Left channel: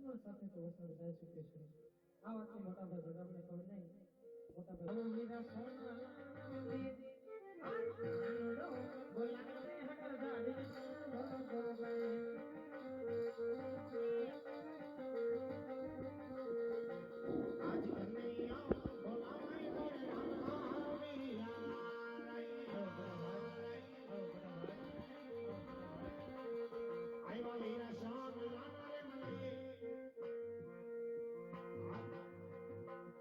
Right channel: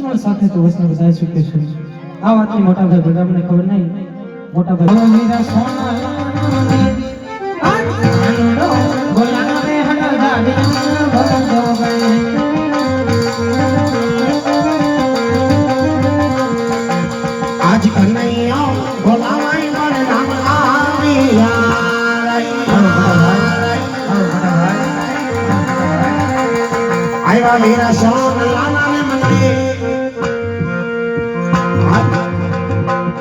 અજમલ સાથે તો વૈષ્ણવ જાય શકે છે આ વાતની મોટા ભાઈ બધાને ખબર નહીં મોટા ભાઈ મીરા સોના બોલાના રે હડા દાડી ભગતો ગઈ આજ કનૈયા બોલાવાય મારે નામ આવ્યા આવ્યા મીરા સોના ને મંદિર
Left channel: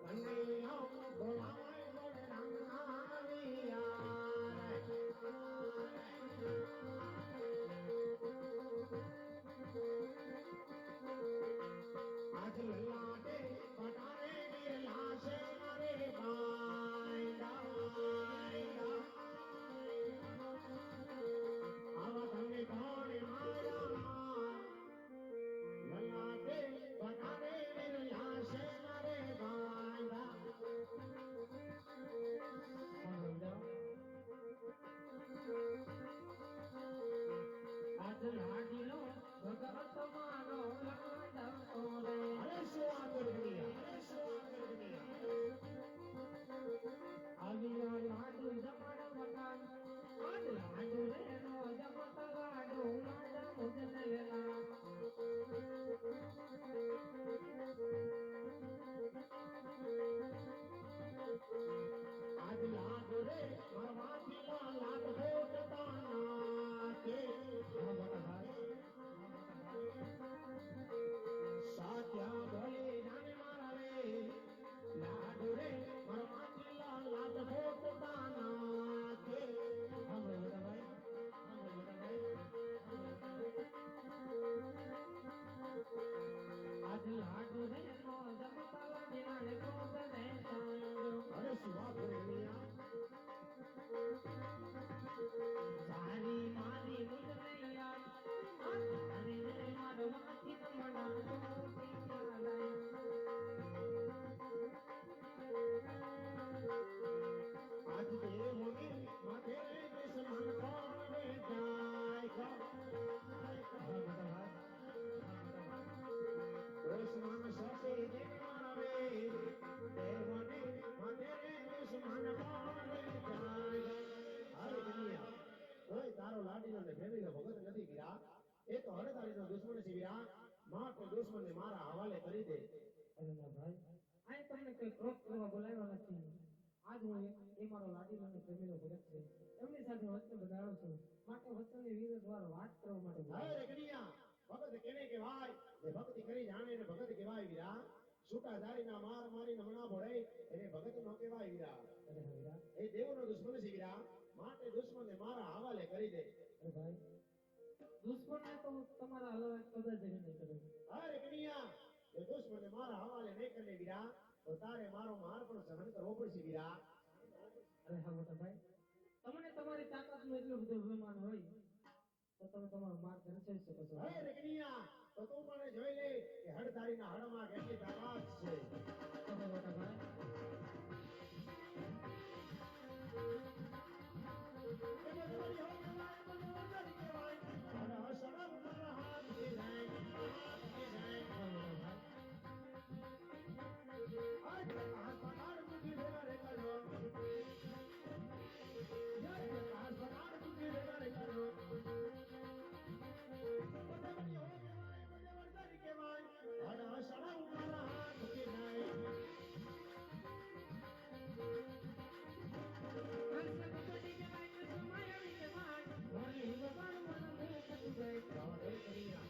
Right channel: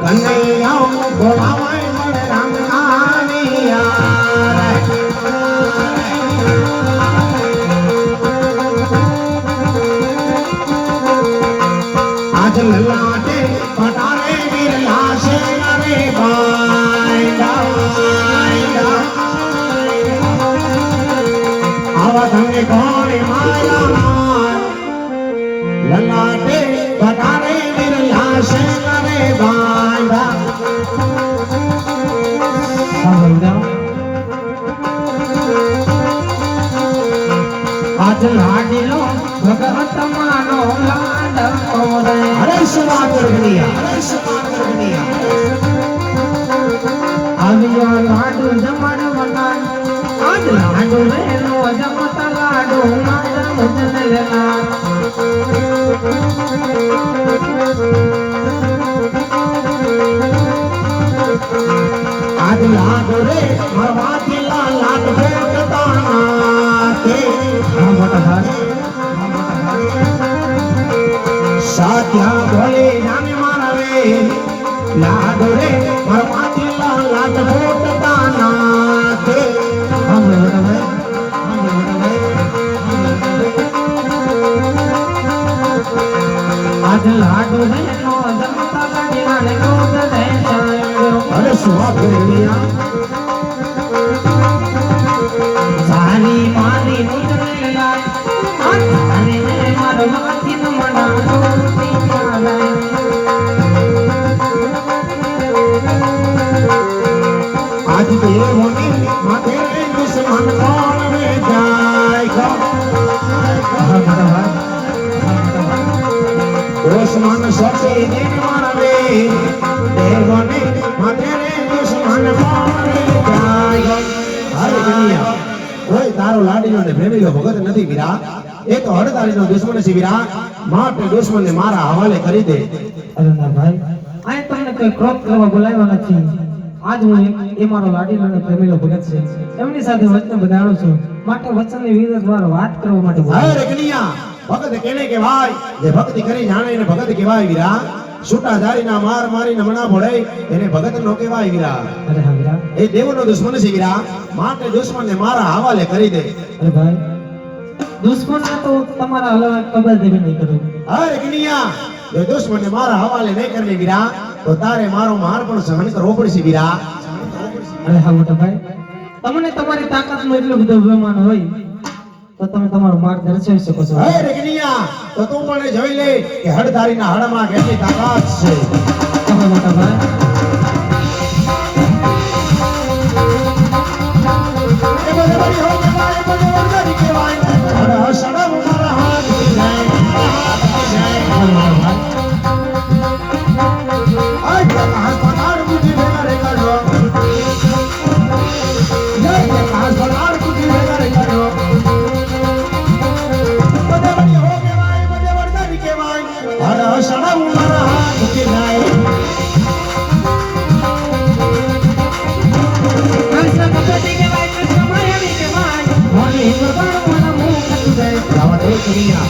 કનૈયા બોલાવાય મારે નામ આવ્યા આજ લલાટે પટારે વીર લાશે રે બાંડા આવા તમને કોણે માયા લલાટે પટારે વીર લાશે રે બાંડા આજ લાડીલો ભગત માનો લાડકો રે અરે સુવાદ રગનિયા આવ્યો લાડુ જમણ વનાય આજ લાડુ રે નો જમતા લાડુ મારા મુજન લેના આજ લાડ રે મરવાથી લાડ ભોગતાના તે મોટા ભાઈ સાત્યા ભોલે જાને મારવે લાડ રે મરવાથી લાડ ભોગતાના તે મોટા ભાઈ આજ લાડુ રે નો જમતા લાડીલા રે ગોદ દે અરે સુવા ભોગનિયા સારી મારી મુજન લેલાય આજ ને મારો માથી ન મણા રોટી ચાલાય આજ દેવોની માથે દુશ્મન કોણ વે જાય દુશ્મન સચે દિન મારવે દેવોની માથે દુશ્મન કોણ વે જાય હારે કન્યા કોઈ તારો લાડીનો ને પ્રેમીલો ભગત નથી વીરા એ તો હડતાળીનો દુશ્મન છે વીરા માટે દુશ્મનને મારા હવાલે કરી દે અરે ના ભાઈ આ તમને કોઈ ક્રોધ કરવા બોલાવ્યો નથી આજ હું એ મારો લાડીલો અને પ્રેમીલો ભગત છે એમની સાથે વચન બંધાણો છું માટે વચનની વિરુદ્ધ મારો વાત કરવા માટે બોલાવ્યો. હારે કન્યા ભગત કેને કહેવાય જે ભક્તિ કરી જાણે એને ભગત કહેવાય વીરા છૂટા જારીના માર મારીને મના ભળે એને ભગત નો કહેવાય વીરા અરે હા વીરા એ દેવનો દુશ્મન છે વીરા માટે દુશ્મનને મારા હવાલે કરી દે અરે ભાઈ દુશ્મનને તો તમારા હલવા કબર દેવી નહીં કરું હારે કન્યા જો દુશ્મનને મારા હવાલે નહીં કરે વીરા તો તારે મારો માર પણ સહન કરવો પડશે વીરા અરે હા મોટા ભાઈ તમને તમારી તાકાતનો એટલો બધો અભિમાન હોય તો તમે તમારો માર્ગ દર્શાવી શકો છો હારે કન્યા તો તું પણ જોઈ લે કે હડધારીના હડમાં કેટલી તાકાત છે તમે મોટા ભાઈ એ બધે બધી હો કહેવાય, એ બધે વરદારી કહેવાય. હડ હસડ મારા હાથ જાય, જાય. મોટા ભાઈ આજ પ્રકાશ પધાર બુદ્ધિ ભેગા રે કરજો. જય પ્રકાશ પધાર બુદ્ધિ ભેગા રે કરજો. બધે બધી હો કહેવાય, બધે વરદારી કહેવાય. હડ હસડ મારા હાથ જાય. કૃષ્ણ ભગવતી કહેવાય કૃષ્ણ માયાવી કહેવાય મોની ભગવાન મોના મુખ હતું જાય રાવણ એ કન્યા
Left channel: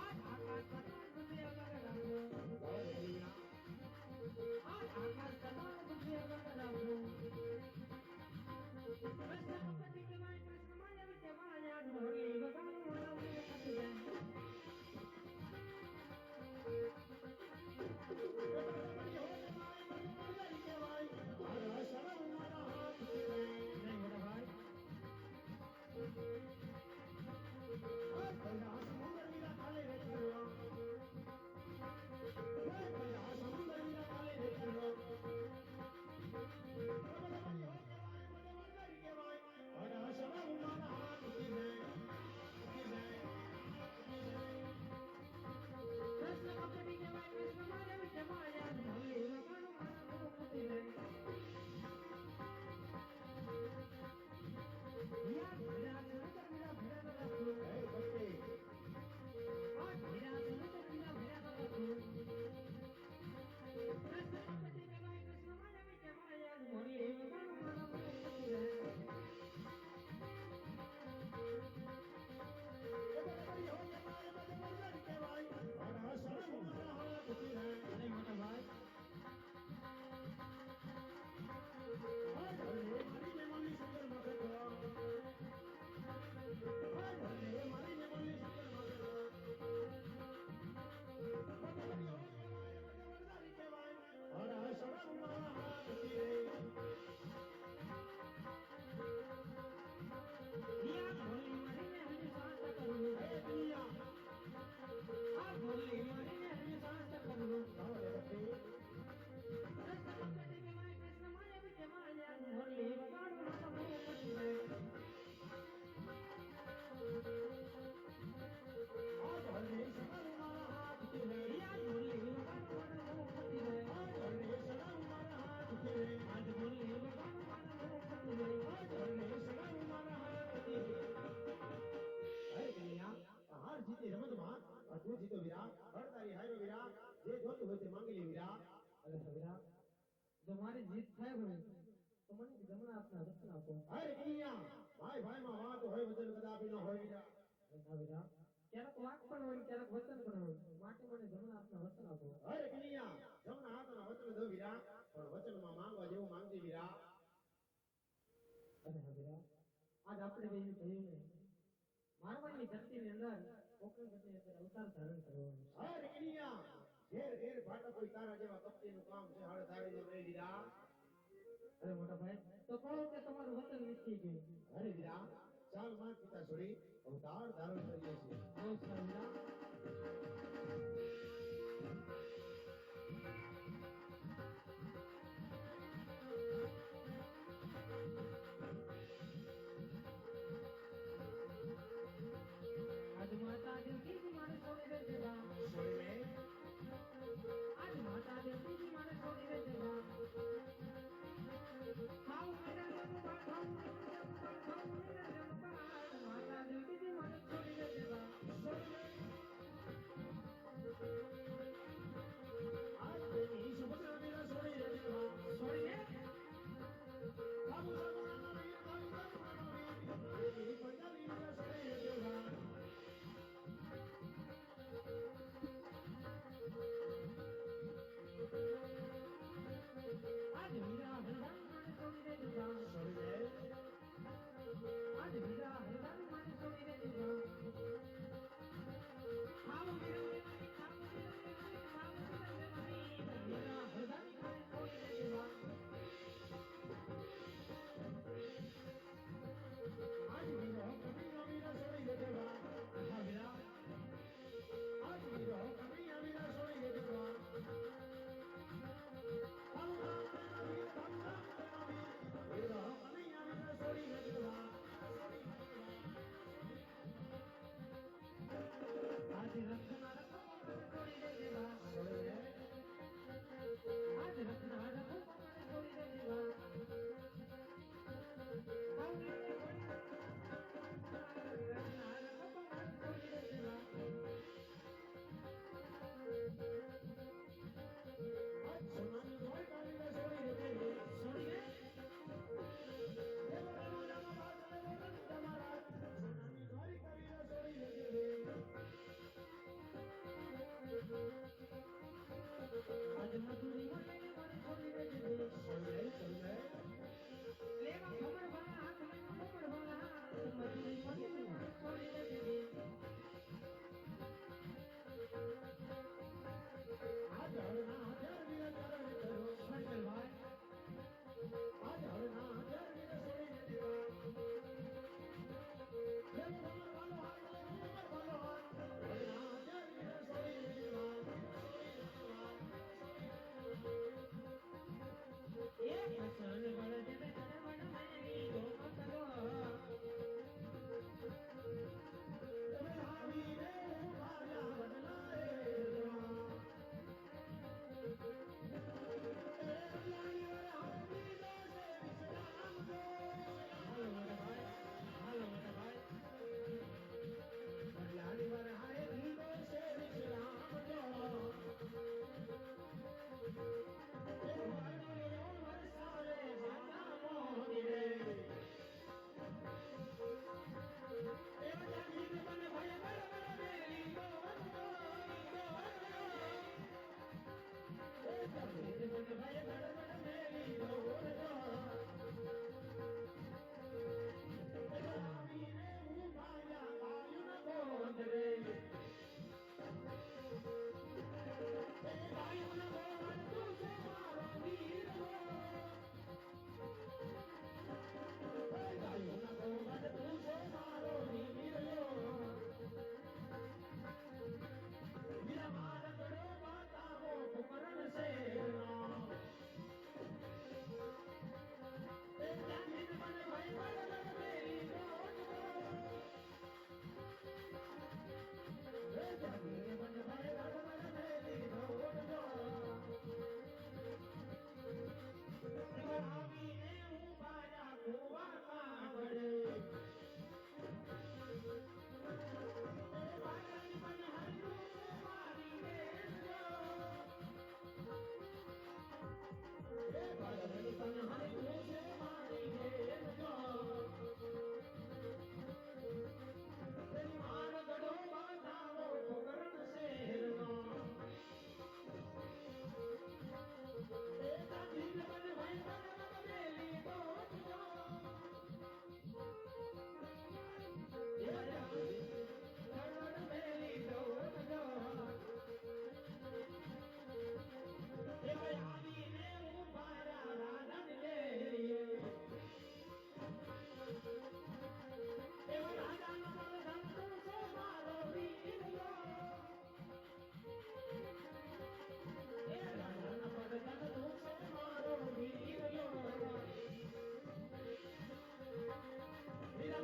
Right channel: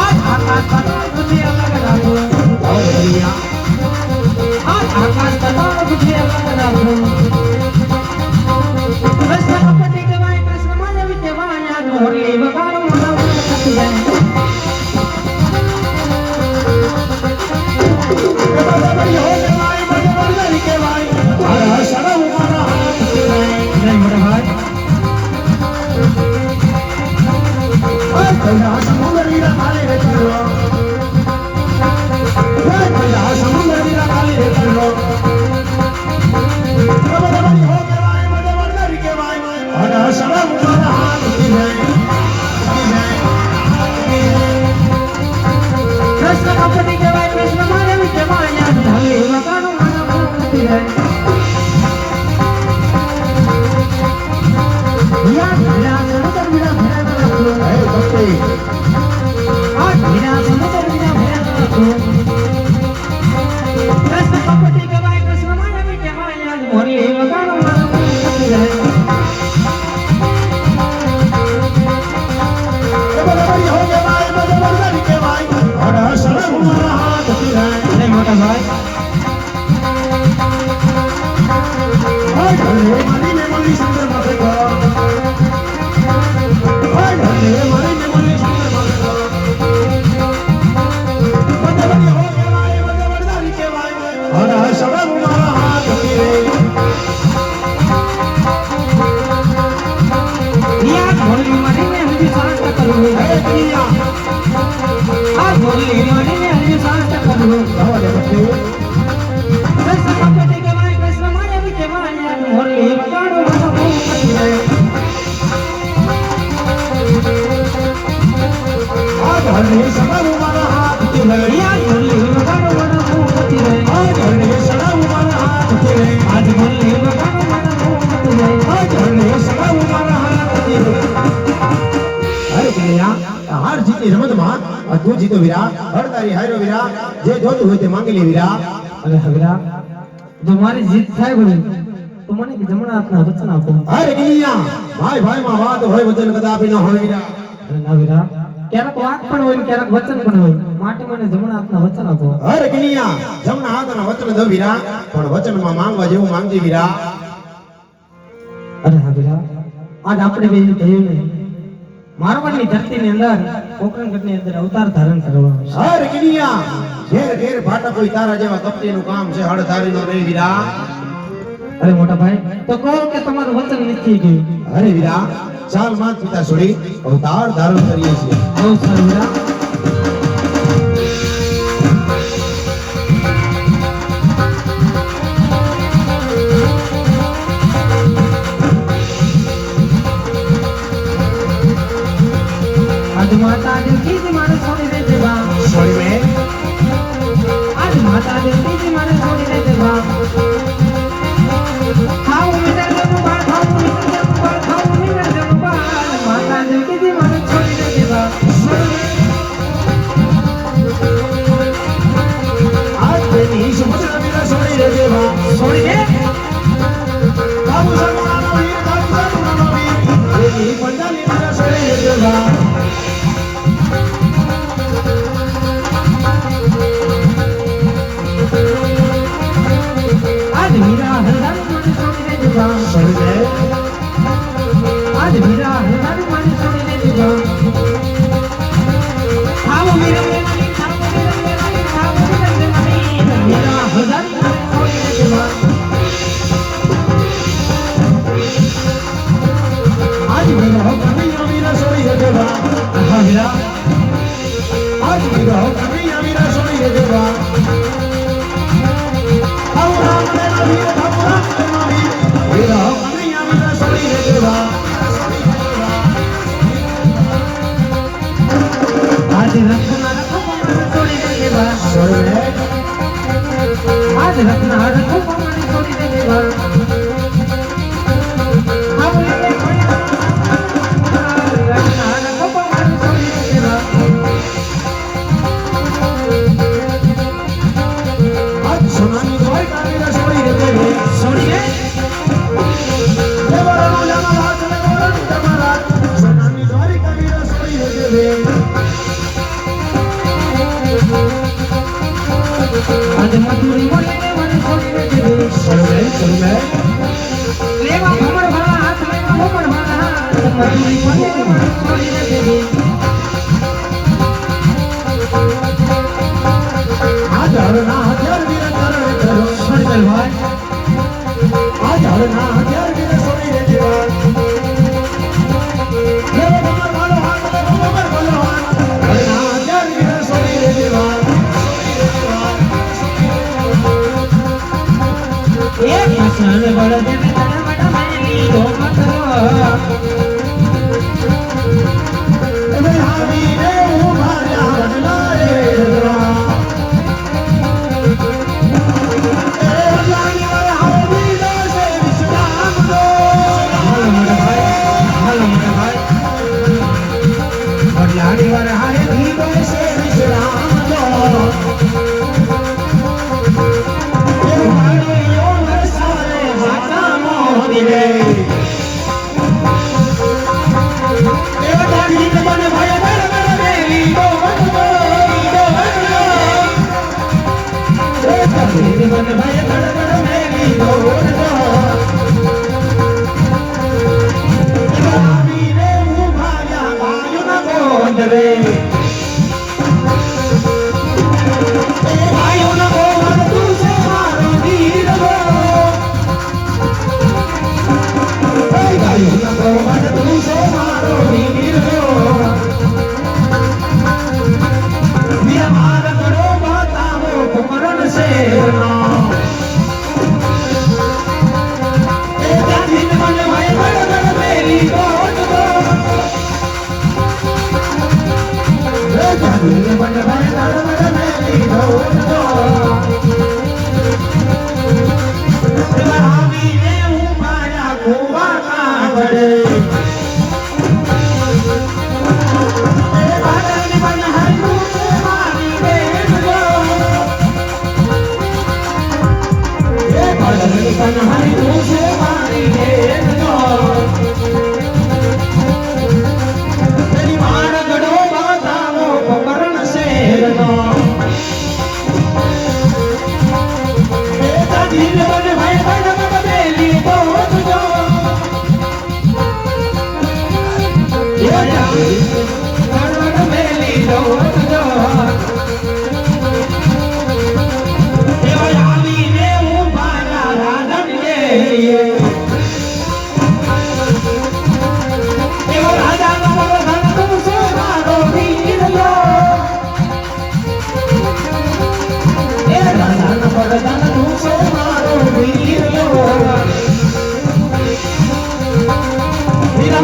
આજ આકાશ પતાળ બુદ્ધિ અલગ રાખો રાવણ કન્યા આજ આકાશ પતાળ બુદ્ધિ અલગ રાખો કૃષ્ણ ભગવતી કહેવાય કૃષ્ણ માયાવી કહેવાય આજ મોની ભગવાન મોના મુખ હતું જાય બધે બધી હો કહેવાય, બધે વરદારી કહેવાય. હડ હસડ મારા હાથ જાય. જય મોટા ભાઈ કૈલા સમુદ્ર વીરા કાલે રે કરજો. કૈલા સમુદ્ર વીરા કાલે રે કરજો. બધે બધી હો કહેવાય, બધે વરદારી કહેવાય. હડ હસડ મારા હાથ જાય. છું કૃષ્ણ કપટી કહેવાય કૃષ્ણ માનવી કહેવાય આજ મોરલી વગાડો મારું મન ખપી જાય બરાબરી હો કહેવાય બરાબરી કહેવાય અરે સડમ મારા હાથ પીરાય અરે મોટા ભાઈ ઢલે મારીને મળી સુંદર માથે કો ઢલે મારીને મળી સુંદર માથે કો બરાબરી હો કહેવાય બરાબરી કહેવાય અરે સડમ મારા હાથ પીરાય રિયા મોરલી મારીને હજી સાંસ કરું હે કન્યા આ મોરલી મારીને હજી સાંસ કરું આવા દે પછી કૃષ્ણ કપટી કહેવાય કૃષ્ણ માનવી કહેવાય આજ મોરલી વગાડો મારું મન ખપી જાય આ ઢલે સડમ મારા હાથ પીરાય રિયા મોરલી વગાડો મારું મન ખપી જાય આ ઢલે સડમ મારા હાથ પીરાય આજ મોરલી વગાડો મારું મન ખપી જાય આ ઢલે સડમ મારા હાથ પીરાય અરે કન્યા હાર જીતની રમતમાં તું જીતો વીરા હરતારી હાર્યો વીરા જે જોતું હોય તે માંગી લે વીરા અરે હગરા જો મારી જીત થાય બોલે તો મને કે જમણા હાથના વચન આપો અરે કન્યા ભાઈ ભાઈમાં વાત હોય વચન કદાપી ન હોય વીરા અરે ના વીરા ક્યારેક વાત પણ હોય ને ક્યારેક વચન પણ હોય માટે મને જમણા હાથના વચન આપો અરે કન્યા જમણા હાથના વચન દો વીરા પણ વચનમાં માંગવા જેવું માંગજે વીરા અરે હા વીરા આજ આપણે બે કહ્યું ને મારવાડની ધરતીની અંદર કોકણગઢની અંદર અવતાર ધારણ કરવાનો છે અરે કન્યા ઘેર ઘેર ભાટા કોઈ તારા જેવા કપટીનું કામ છે હળધારીનો રે વીરા અરે મોટા ભાઈ તો કહો કે તમારું વચન નથી ગયું અરે વીરા ચાલ માત પિતા છોડી અવતાર ધારણ કરીએ છીએ બહુ સારું વીરા આજ માતા દેવકી મારે છોડી દે દેવા છોડી મેં આજ માતા દેવકી મારે છોડી દે દેવા ખાવ મીઠા દેવું બાળ ખાવ મીઠા દેવું બાળ ખાવ મીઠા દેવું બાળ માતા દેવકી મારે છોડી દે દેવા આજ તેની સમસ્યા વીરા છોડી દે દેવા છોડી દે બાબુ સગુણાનો વીર બાબુ સગુણાનો વીર તેની પંજાલી વીરા છોડી દે દેવા આજ મીરા હરદાર મને છોડી દે દેવા છોડી દે આજ મીરા હરદાર મને છોડી દે દેવા ખાવ મીરા દેવાની ખાવ મીરા દેવાની ખાવ મીરા દેવાની મીરા હરદાર મને છોડી દે દેવા આજ વીરા કનૈયા વીરા છોડી દે દેવા હા મીરા આજ વીરા કનૈયા વીરા છોડી દે દેવા આવો રામ દેવા વીર આવો રામ દેવા વીર વીરા કનૈયા વીરા છોડી દે દેવા આજ રત્ના રખો મને છોડી દે દેવા છોડી દે આજ રત્ના રખો મને છોડી દે દેવા આવો લે રત્ના રખો મને છોડી દે દેવા આજ સોનાની દ્વારકા વીરા છોડી દે દેવા છોડી દે દેવરાનો જમારાજ દેવરાનો જમારાજ સોનાની દ્વારકા વીરા છોડી દે દેવા આજ મધુરી મોલીને મને છોડી દે દેવી છોડી દે લેવા ભમર ભલા હાથ લેવા ભમર ભલા હાથ મધુરી મોલીને મને છોડી દે દેવી આજ હરના હથિયાર વીરા તરણે કરો છોડી દે ભાઈ આજ હરના હથિયાર વીરા છોડી દે દેવા લેવો ભમર ભાલો હાથ લેવો ભમર ભાલો હાથ હરના હથિયાર વીરા છોડી દે દેવા એ કૃષ્ણ બળ દેવે તન મડ મેલી ઓ મતરો હવે હાવી રે ઉભાર્યા વડલાએ રગવા એ જાની વર હાવી દાસે વિશ્રામ દો હાલો મોટા ભાઈ વડલાની વર હારે ધીરો સે વિશ્રામ દો રે એ ભાઈઓના ગોવર તું છે મારો વીર રો એ ભાઈઓના ગોવર તું છે મારો વીર રો વીર મારા ગળો બતાવો કુમરણ શેરનો એ જાતિન મને ભાઈ બળગડ મેલી ગોટ ગો એ જાતિન મને ભાઈ બળગડ મેલી ગોટ ગો આવીને હું મારા કુવા કાગડે કન્હાઈ તું છે મારી બેન નો તેરી માર ગડો બતાવો કમરણ શેરનો એ તાજી ને બને ભાઈ બડગડ મેલી ગોટ જો એ જાવી બડગડ મેલી ગોટ જો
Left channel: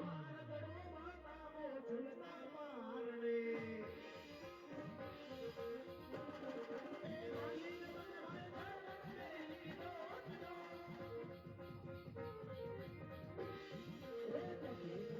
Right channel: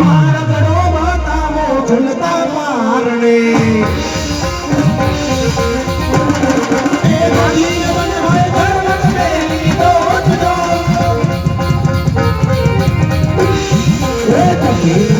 મારા ગળો બતાવો ઝૂલતા મારણે એ માલી બને હોય બળગડ મેલી ગોટ જો એ તકી